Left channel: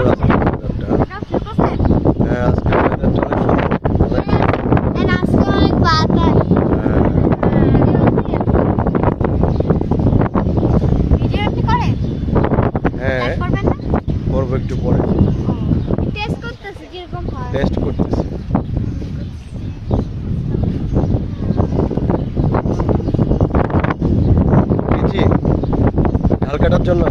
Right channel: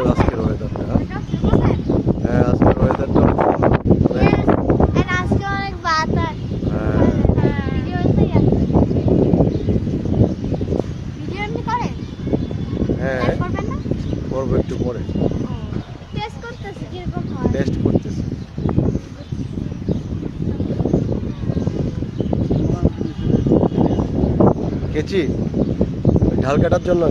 সুন্দর আজকে ওয়েদারটা। হ্যাঁ আজকে ওয়েদারটা হ্যাঁ করবো একটু পরে, টেস্ট করতেছি। গেছি ঢাল কাটার জন্য